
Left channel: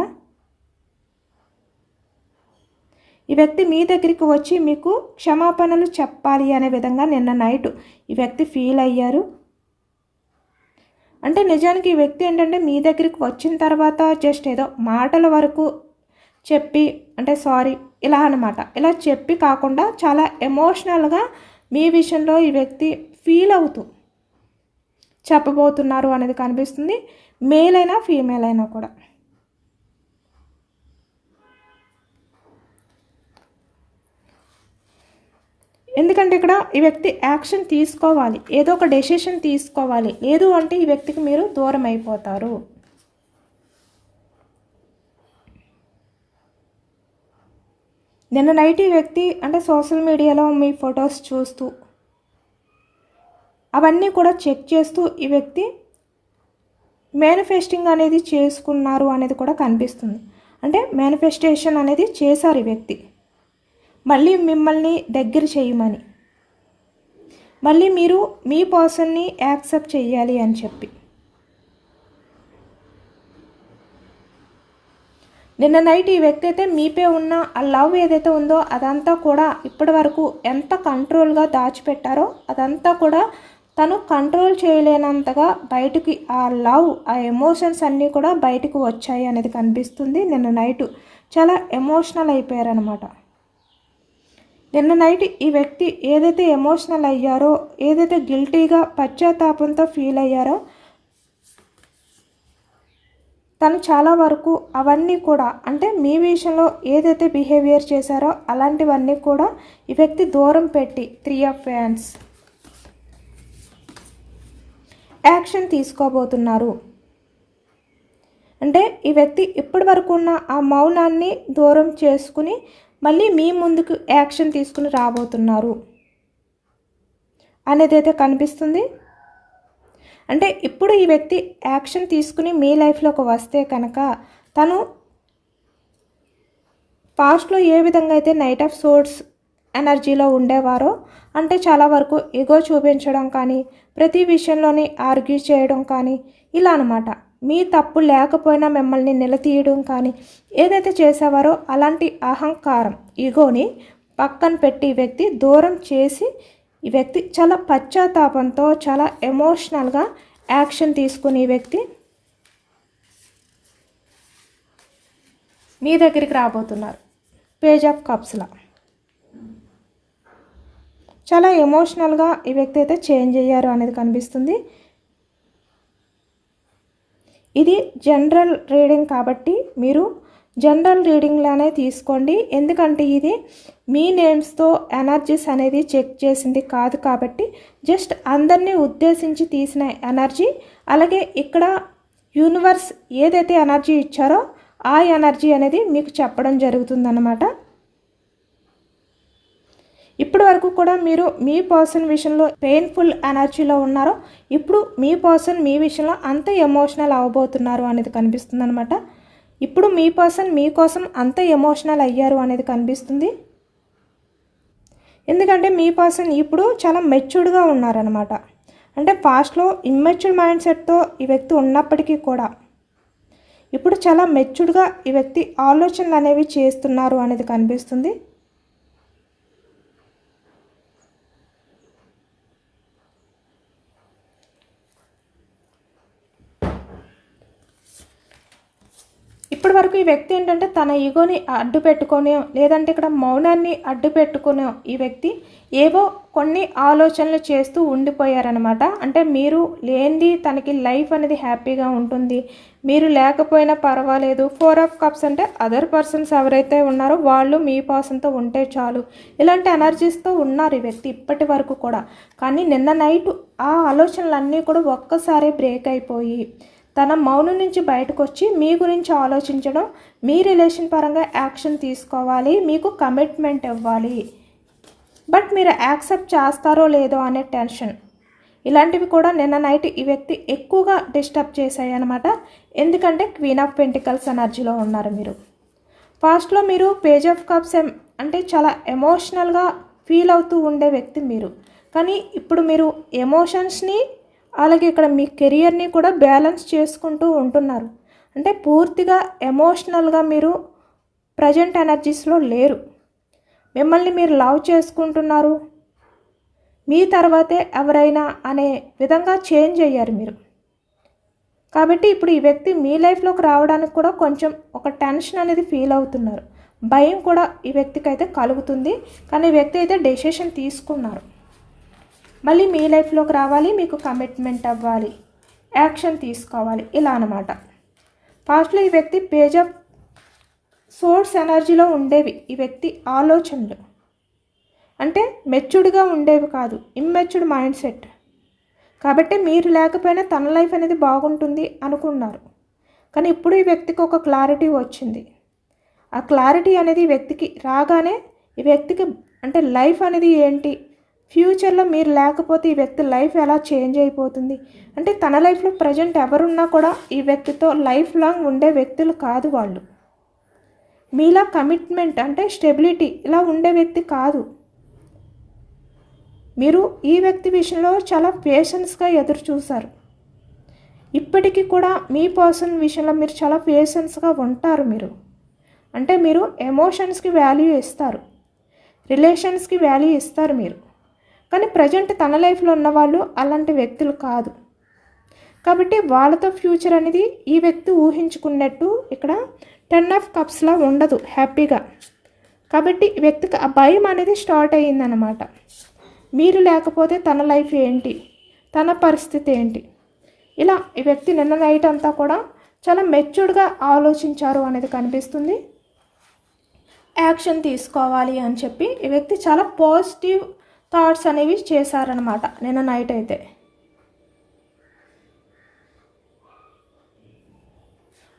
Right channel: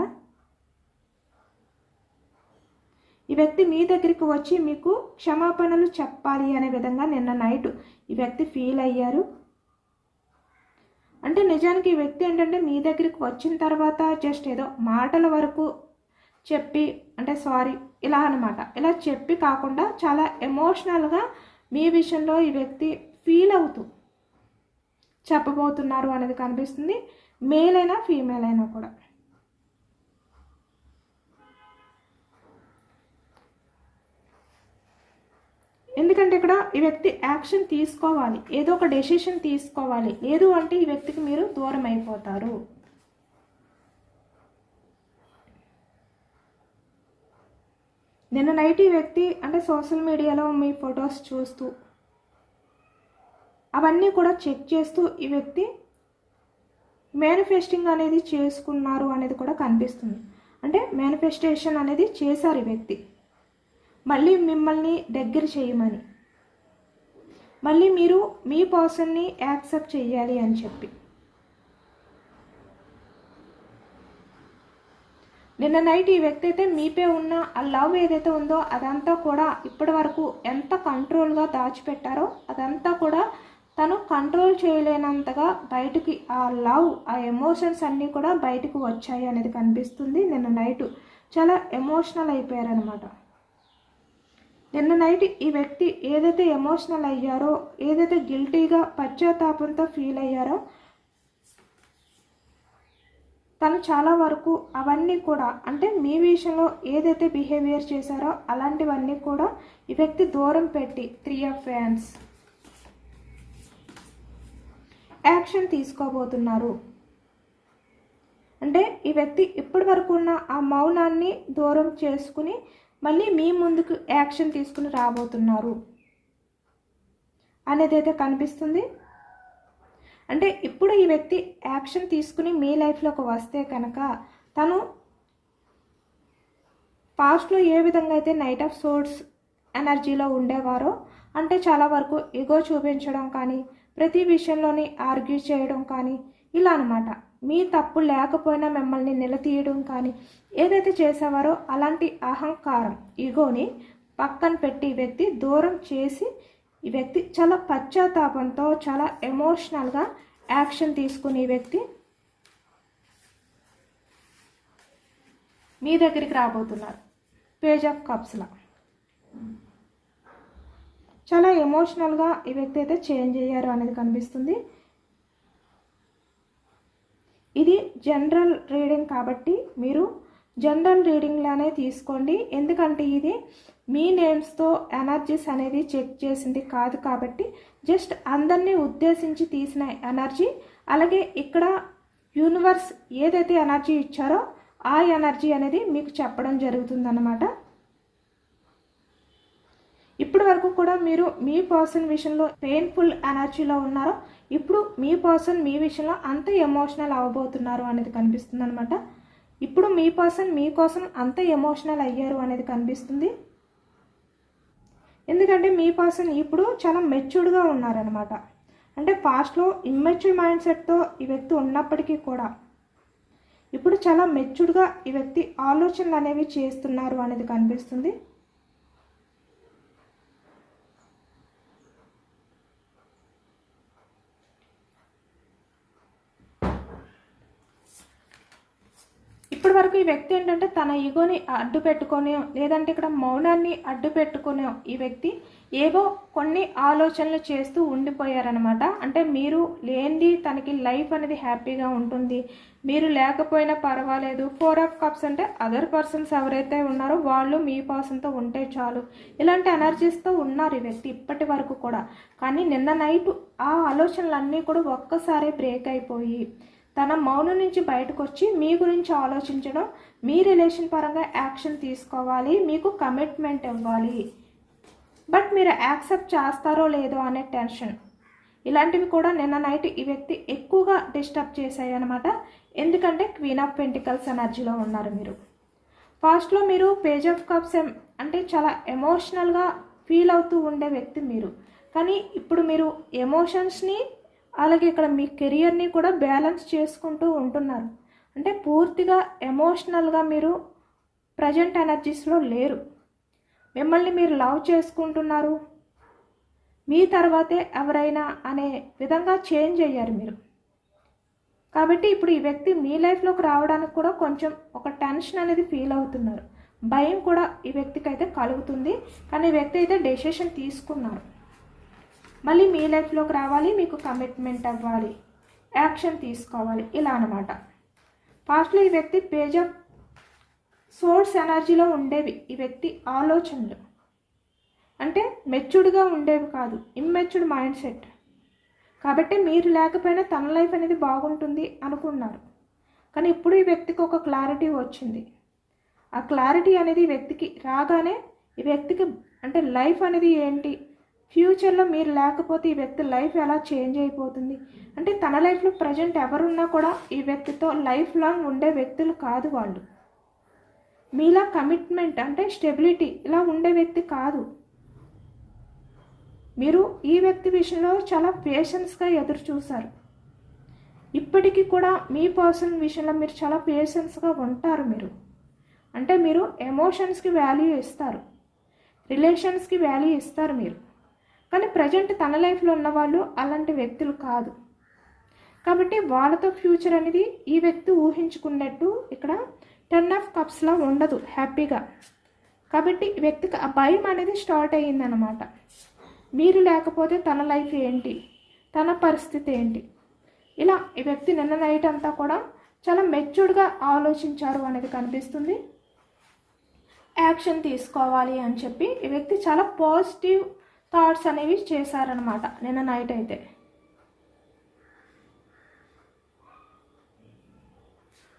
ఈ వ్యక్తి మీ దగ్గరికి వచ్చి మీకు క్షమాపణలు చెప్పాలి అనే విధంగా నిన్న నైట్ ఈ వ్యక్తి ఫీల్ అయ్యారు. అంటే నిజానికి ఈ వ్యక్తి ఏంటంటే మీ దగ్గరికి వచ్చిన తర్వాత జస్ట్ ఏదో మాటల వరకు చెప్పి, అంటే సారీ ఇలా అనమాట, ఇలా చెప్పి కాకుండా చాలా ఎమోషనల్గా మీ విషయంలో ఈ వ్యక్తి ఫీల్ అవుతూ చెప్పబోతున్నారు అనేది కనిపిస్తుంది. మేల్ అయినా ఫీమేల్ అయినా కూడా. ఎందుకంటే ఇక్కడ ఈ వ్యక్తి యాక్షన్ తీసుకోవాలి, ఏదో ఒక డెసిషన్ తీసుకోవాలి. లేదు అంటే ఈ వ్యక్తికి మీరు దూరం అయిపోతారు. నిన్న నైట్ ఈ వ్యక్తి అంటే సోషల్ మీడియాలో మీ ఫొటోస్ చూస్తూ అవన్నీ కూడా చెక్ చేస్తూ ఈ వ్యక్తి మేనిఫెస్టింగ్ అనేది చేసుకున్నారు అనేది కూడా కనిపిస్తుంది. అంటే మేనిఫెస్టేషన్ అనేది చేశారు ఈ వ్యక్తి, మళ్ళీ మిమ్మల్ని దగ్గర చేయమని, మళ్ళీ మీరు మీ పర్సన్ని యాక్సెప్ట్ చేయాలి అని చెప్పి. నిన్న నైట్ ఈ వ్యక్తి అయితే మీపై ఉన్న ఆ లవ్ ఏదైతే ఉందో అదంతా కూడా ఇప్పటి వరకు ఎంత కంట్రోల్గా దాచిపెట్టారో అదంతా కూడా తను కంట్రోల్ చేయలేనంతగా బయటికి ఆ లవ్, ఆ ఎమోషన్స్ అన్నీ కూడా బయటకు వచ్చాయి అనేది కనిపిస్తుంది. నిన్న నైట్ చాలా ఎమోషనల్ అయిపోయారనమాట. నిన్న నైట్ ఈ వ్యక్తి ఏదైతే ఎమోషనల్ అయ్యారో, ఏదైతే గిల్టీగా పశ్చాత్తాపంతో ఫీల్ అయ్యారో, తను చాలా వరకు అవన్నీ కూడా అంటే మీ విషయంలో ఏదైతే బిహేవియర్ చేశారో అలాంటివన్నీ కూడా ఈ వ్యక్తి దూరం పెట్టి 3 ఆఫ్ హ్యాండ్స్ యాక్షన్ తీసుకోబోతున్నారు. అంటే ఈ వ్యక్తి ఇప్పటి వరకు ఉన్న ఆ మౌనాన్ని దూరం చేసుకుని మళ్ళీ మీ ముందుకు యాక్షన్ తీసుకుని రాబోతున్నారు అనేది అయితే కనిపిస్తుంది. అంటే ఇప్పుడు ఈ వ్యక్తి యాక్షన్ తీసుకుని మీ లైఫ్లోకి వస్తే కనుక తను పాస్ట్లో ఏ విధంగా అయితే నైట్ ఆఫ్ సోర్డ్స్ ఎనర్జీలో ఉండేవారో, అంటే చాలా వరకు ఇగో చూపించడం కానీ, ప్రతి విషయంలోని ఆర్గ్యూ చేయడం కానీ, ఇలా అనమాట. మీ తప్పు లేకపోయినా మిమ్మల్ని నిలదీయడం కానీ ఏదైతే చేసేవారో అలాంటి అహంకారం, ఇగోని పక్కన పెట్టి ఈ వ్యక్తి దూరం చేసి, ఈ వ్యక్తి చాలా పశ్చాత్తాపంతో చాలా ఎమోషనల్గా యాక్షన్ తీసుకుని ఈ వ్యక్తి మీ దగ్గరికి రాబోతున్నారు. పేజ్ ఆఫ్ కప్స్లా చాలా ఎమోషనల్గా ఈ వ్యక్తి అయితే చేంజ్ అయ్యారు అనేది కనిపిస్తుంది. ఇది జనరల్ రీడింగ్ కాబట్టి మీరు జనరల్ రీడింగ్లానే తీసుకోండి. ఎందుకంటే ఇది మీ నేమ్స్తో ఎనర్జీస్ అనేది చెక్ చేసింది కాదు కాబట్టి జస్ట్ అందరినీ ఉద్దేశించి తీసిన ఎనర్జీ. అలాగే ఇక్కడ యూనివర్స్ ఏదైతే ఎనర్జీ ఇచ్చారో ఆ ఎనర్జీ అనేది మీకు చెప్పడం జరుగుతుందన్నమాట. ఇప్పటి వరకు కూడా మీరు మీ పర్సన్ విషయంలో పెయిన్ఫుల్ ఎనర్జీలో ఉన్నారో, ఇప్పుడు మీ పర్సన్ మీ విషయంలో అంత ఎమోషనల్ అవ్వబోతున్నారు అనేది కనిపిస్తుంది అనమాట. ఇప్పుడు మీ పర్సన్ మీకోసం అంత ఎమోషనల్ అయ్యారు అనేది కనిపిస్తుంది. ఎందుకంటే మీ పర్సన్ ఇప్పుడు చాలా మెచ్యూర్డ్గా ఉన్నారనమాట. అంటే పాస్ట్లో ఇమ్మెచ్యూర్ మైండ్ సెట్తో ఈ వ్యక్తి ఉన్నప్పటికీ కూడా ఇప్పుడు చాలా మెచ్యూర్డ్గా ఈ వ్యక్తి ఆలోచనలు అనేవి చేస్తున్నారు అనేది కనిపిస్తుంది. ఇప్పటి వరకు ఈ వ్యక్తి ఏంటంటే తన ఈగోని అడ్డు పెట్టుకొని, లేదంటే ఇక్కడ మౌనాన్ని అడ్డు పెట్టుకుని ఈ వ్యక్తి ఏవో కొన్ని ఆలోచనలు చేస్తూ ఉండిపోయారనమాట. అంటే మీరు లేనిది తనకి లైఫ్ అనేది హ్యాపీగా ఉంటుంది, మీరు లేకపోయినా పర్వాలేదు. 4 ఆఫ్ కప్స్ అంటే అదర్ పర్సన్స్ ఎవరైతే ఉన్నారో వాళ్ళు మీ పర్సన్తో ఉంటే చాలు, ఇలాంటి ఎనర్జీస్తో ఉన్నారు ఈ వ్యక్తి ఇప్పటి వరకు కూడా. కానీ నిన్న నైట్ ఆ ఆలోచనలన్నీ కూడా ఒక్కసారి బ్రేక్ అయిపోయి తన మౌనం నుంచి బయటకు వచ్చి మీ గురించి ఆలోచించడం, మీ రిలేషన్ పరంగా యాక్షన్ తీసుకోవాలి, మీకు కమిట్మెంట్ ఇవ్వాలి, బట్ మీరు యాక్సెప్ట్ చేస్తారో లేదో అనే టెన్షన్, ఇలాంటివి కూడా నిన్న నైట్ ఈ వ్యక్తి ఎక్కువగా డిస్టర్బ్ చేశాయి అనమాట. ఎందుకంటే క్వీన్ ఆఫ్ పెంటికల్స్ ఎనర్జీలో ఉన్నారు మీరు. పాస్ట్లో మీరు పేజ్ ఆఫ్ కప్స్ అంటే చాలా ఎమోషనల్గా ఫీల్ అవుతూ ఉండే వ్యక్తి మీరు. కానీ ఇప్పుడు మీరు ఎమోషన్స్ని అలాగే ఇక్కడ మీ కెరియర్ని కూడా బ్యాలెన్స్ చేసుకుంటూ ఉంటున్నారు. అంటే పూర్తిగా ఎమోషనల్గా మీరు ప్రజెంట్ ఎనర్జీస్లో లేరు. మిమ్మల్ని మీరు లవ్ చేసుకుంటున్నారు, మీ తర్వాతే ఎవరైనా అనే విధంగా చేంజ్ అయ్యారు మీరు. కాబట్టి ఇప్పుడు ఈ వ్యక్తి మీ లైఫ్లోకి రావడానికి కూడా కొంచెం ఒక టెన్షన్ అనేది ఫీల్ అవుతున్నారు, భయం కూడా ఈ వ్యక్తికి అయితే కలుగుతుంది. కానీ ఈ వ్యక్తి అయితే డెసిషన్ తీసుకున్నారు, మళ్ళీ మీ లైఫ్లోకి రావాలి, మీకు కమిట్మెంట్ అవ్వాలి, యాక్షన్ తీసుకోవాలి, ఇలా అనమాట. పాస్ట్లో ఈ వ్యక్తి పేజ్ ఆఫ్ సోర్స్ ఎనర్జీలో ఉండేవి ఈ వ్యక్తి ఆలోచనలు. అంటే మెచ్యూర్డ్గా ఉండేవి కాదు, ఇమ్మెచ్యూర్డ్ మైండ్ సెట్. కాబట్టి మీరు లేకపోయినా తన లైఫ్ అనేది బాగుంటుంది అనుకున్నారు. కానీ ఇప్పుడు ఈ వ్యక్తికి ఒక క్లారిటీ వచ్చింది. ఆ క్లారిటీ అనేది ఈ వ్యక్తికి రాగానే ఈ వ్యక్తికి అంటే లైఫ్ అనేది ఏంటి, ఫ్యూచర్లో మీరు లేకపోతే ఈ వ్యక్తి లైఫ్ ఎలా చేంజ్ అయిపోతుంది, అంటే తన లైఫ్లో ప్రజెంట్ ఎవరున్నా కూడా ఈ వ్యక్తితో లైఫ్ లాంగ్ ఉండే వ్యక్తులు కాదు వాళ్ళు. మీలా కమిట్మెంట్ అంటే స్టెబిలిటీ ఇలా ఉండే వ్యక్తి కాదు. మీరు ఈ వ్యక్తి విషయంలో చాలా పేషెన్స్గా ఎదురు చూశారు. ఇప్పటికీ కూడా మీ పర్సన్ విషయంలో మీరు చాలా పేషెన్స్గా ఉంటారు. మీరు అంటే మీరు ఎమోషన్స్కి వాల్యూ ఇస్తారు, రిలేషన్స్కి వాల్యూ ఇస్తారు మీరు. కానీ ప్రజెంట్ తన లైఫ్లో ఉన్నవాళ్ళు అలాంటి వ్యక్తులు కాదు. కాబట్టి వాళ్ళతో ఫ్యూచర్ అనేది ఈ వ్యక్తి ఊహించుకున్నట్టు ఇక్కడ 10 ఆఫ్ కప్స్లా ఉండదు హ్యాపీగా. కాబట్టి ఈ వ్యక్తికి ఆ భయం అనేది స్టార్ట్ అయ్యిందనమాట. మీరు లేకపోతే తన లైఫ్ ఏంటి, తన పరిస్థితి ఏంటి, ఇలా ఈ వ్యక్తి నిన్న నైట్ అంతా కూడా చాలా మెచ్యూర్డ్గా ఆలోచించారు అనేది కనిపిస్తుంది. యాక్షన్ తీసుకోవాలి అని చెప్పి ఈ వ్యక్తి చాలా పాజిటివ్ థాట్స్ అనేవి చేశారనమాట నిన్న నైట్ అయితే.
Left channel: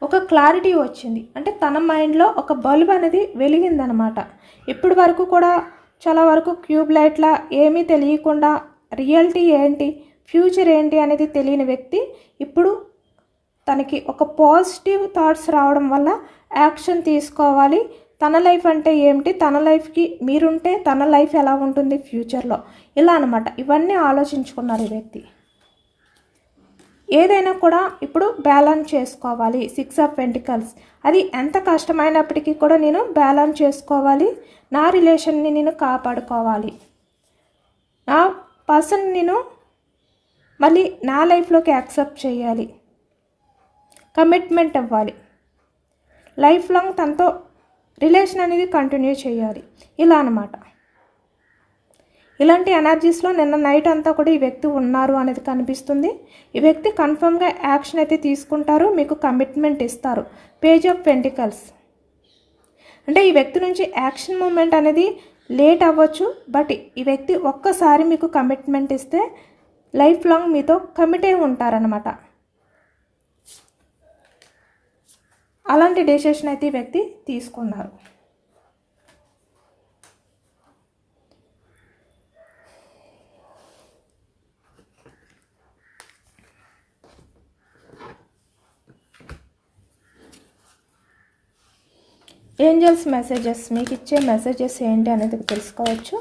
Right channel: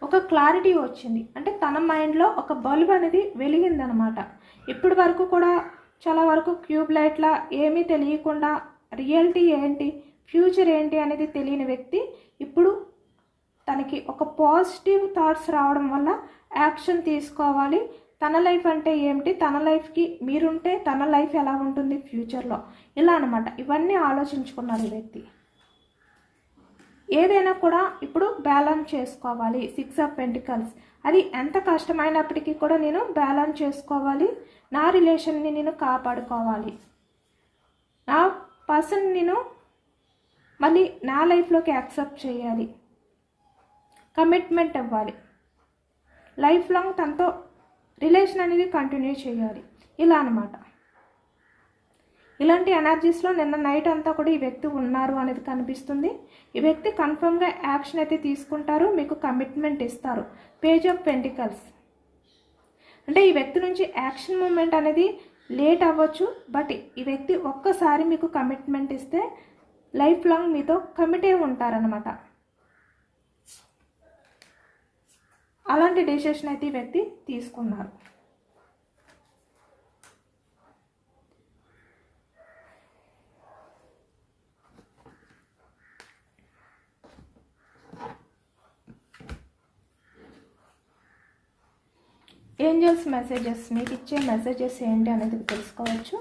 ఒక క్లారిటీ వచ్చింది. అంటే తన మైండ్లో ఒక బల్బ్ అనేది వెలిగిందనమాట. ఇప్పటి వరకు కూడా చాలా వరకు క్యూబ్ లైట్లా ఏమీ తెలియకుండా రియాలిటీ ఏంటి, ఫ్యూచర్ ఏంటి అనేది తెలియని వ్యక్తి ఇప్పుడు తనకి ఒక పాజిటివ్ థాట్స్ రావడం వల్ల యాక్షన్ తీసుకోవాలి. తన లైఫ్ అంటే ఏమిటి, తన లైఫ్కి మీరుంటే తన లైఫ్ ఎలా ఉంటుంది ఫ్యూచర్లో, ఇలా అనమాట. ఇవన్నీ ఆలోచించుకున్నారు ఈ వ్యక్తి. ఏదైనా కూడా ఇప్పుడు బ్యాలెన్స్ చేసుకోవాలి. 6 ఆఫ్ పెంటికల్స్, అది ఎంత కష్టమైనప్పటికీ కూడా నేను బ్యాలెన్స్ చేసుకోవాలి. నా రిలేషన్ని నేను కాపాడుకోవాలి. నా పర్సన్ నేను మళ్ళీ నా లైఫ్లోకి యాక్సెప్ట్ చేయాలి. కమిట్మెంట్ అవ్వాలి. లైఫ్ లాంగ్ తనతో రిలేషన్ అనేది కంటిన్యూ చేయాలి, ఇలా అనమాట. ఇలాంటి ఎనర్జీస్లో నిన్న నైట్ అంతా కూడా ఈ వ్యక్తి ఉన్నారు అనేది కనిపిస్తుంది. ఈ వ్యక్తి కన్ఫర్మ్గా యాక్షన్ అయితే తీసుకుంటారు, మీకు కమిట్మెంట్ ఇస్తారు. పేజ్ ఆఫ్ పెంటికల్స్ అంటే ఈ వ్యక్తి నుంచి యాక్షన్ మూమెంట్ అనేది లేట్ అవ్వచ్చు, బట్ ఈ వ్యక్తి ఒక్కసారి మీకు కమిట్మెంట్ ఇస్తే లైఫ్ లాంగ్ మీతో కమిట్ అయి ఉంటారనమాట. అలాంటి డెసిషన్ అయితే ఈ వ్యక్తి తీసుకున్నారు. ఏంజల్స్ మెసేజెస్, మీకు ఇచ్చే మెసేజెస్ ఏంటి అనేది తెలుసుకోవచ్చు.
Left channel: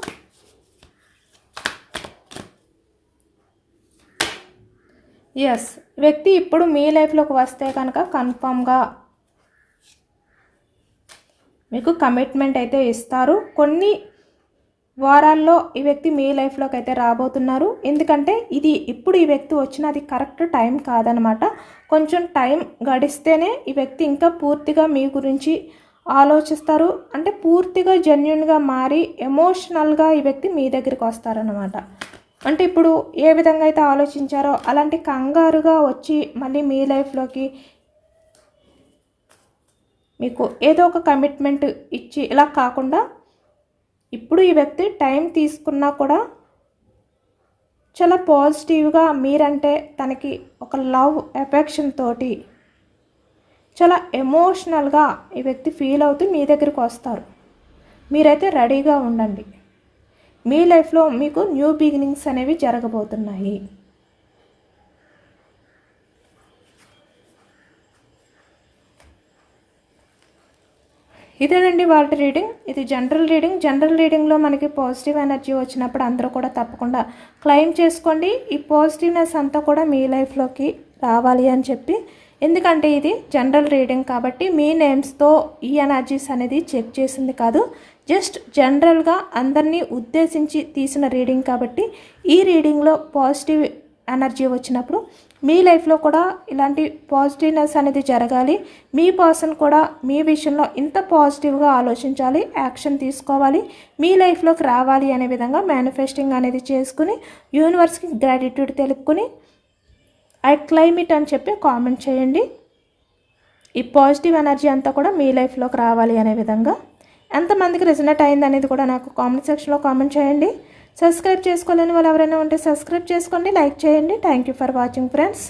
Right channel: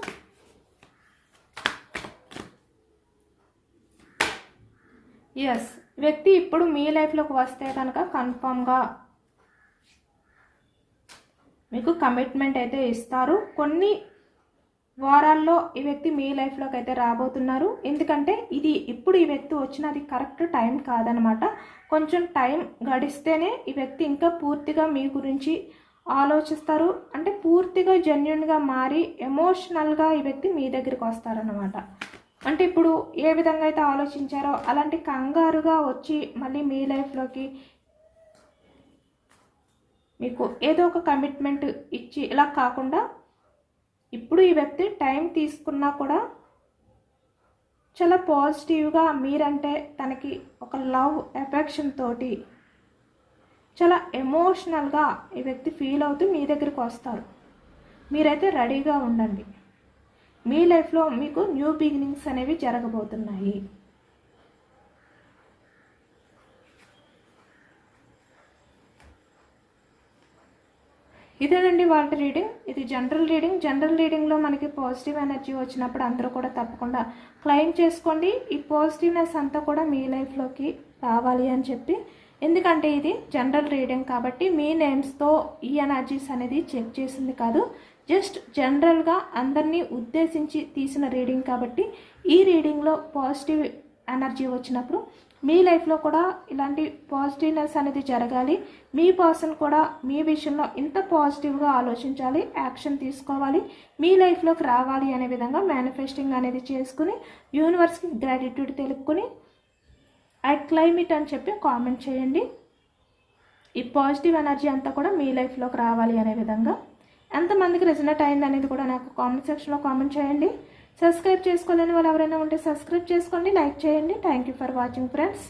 ఎస్, వ్యక్తి ఇప్పుడు మీ లైఫ్లోకి వస్తే కనుక కన్ఫామ్గా మీకు కమిట్మెంట్ అయితే ఇస్తారు. కొన్ని వారాల్లో ఈ వ్యక్తి మీ లైఫ్లోకి అయితే రాబోతున్నారు. ఎందుకంటే ఇది ఇప్పుడు ఈ వ్యక్తి వచ్చినది కరెక్ట్ టైం కాదనమాట. కొంచెం టైం గడిస్తేనే ఈ వ్యక్తి ఇంకా పూర్తిగా మీ గురించి ఆలోచిస్తారు. అంటే పూర్తిగా జెన్యున్గా మారి ఎమోషనల్గా ఈ వ్యక్తి మీ దగ్గరికి వస్తారనమాట. అంటే ఇప్పుడు ఏ విధంగా అయితే ఆలోచించారో అలాంటి కంగారుగా వచ్చి మళ్ళీ మీ లైఫ్లోకి మీకు ఏదో ఒక కమిట్మెంట్ ఇచ్చి ఇలా కాకుండా ఇప్పుడు ఈ వ్యక్తి టైం తీసుకున్నా కూడా చాలా పాజిటివ్గా మీరంటే తనకి ఒక లవ్ ఎఫెక్షన్ తోటి చాలా ఎమోషనల్గా ఈ వ్యక్తి ఫీల్ అవుతూ మీ దగ్గరికి వస్తారు. మీరైతే రెడీగా ఉండండి. మీ లైఫ్లో మీకు న్యూ బిగినింగ్స్ అనేవి జరగబోతున్నాయి. ఇదేనండి వాళ్ళ రీడింగ్. ఇది జనరల్ రీడింగ్. జనరల్ రీడింగ్లో మనకి పాజిటివ్ ఎనర్జీ వచ్చినప్పుడు అందరూ కూడా తప్పకుండా క్లెయిమ్ చేసుకోండి. ఈ పాజిటివ్నెస్ అంతా కూడా మీ లైఫ్లోకి రావాలి అని చెప్పి. ఎందుకంటే ఇది జనరల్ రీడింగ్ కాబట్టి మీ నేమ్స్తో ఈ ఎనర్జీస్ అనేది చెక్ చేసింది కాదు, జస్ట్ జనరల్గా అందరినీ ఉద్దేశించి తీసిన రీడింగ్ కాబట్టి ఈ రీడింగ్లో పాజిటివ్ ఎనర్జీ వచ్చినప్పుడు మీ లైఫ్లో కూడా ఇలాంటి పాజిటివ్నెస్ అనేది జరగాలి. మీ పర్సన్ కూడా మీ విషయంలో ఇంత పాజిటివ్గా ఆలోచించాలి, యాక్షన్ తీసుకోవాలి, మీ లైఫ్లోకి రావాలి అనే విధంగా మేనిఫెస్టింగ్ అనేది చేసుకుని యూనివర్స్కి గ్రాటిట్యూడ్ తెలుపుకొని ఐ క్లెయిమ్ ఇట్ అని చెప్పి కామెంట్ చేయండి. ఈ పాజిటివ్ ఎనర్జీ అంతా కూడా మీ లైఫ్లోకి రావాలి అనే విధంగా. ఎంతమందికి రిజనేట్ అయింది అనేది కూడా నాకు కామెంట్ సెక్షన్లో కామెంట్ చేయండి. సబ్స్క్రైబ్ చేసుకోలేని వాళ్ళు ఎవరైనా ఉంటే సబ్స్క్రైబ్ చేసుకోండి, లైక్ చేయండి. Thank you for watching friends.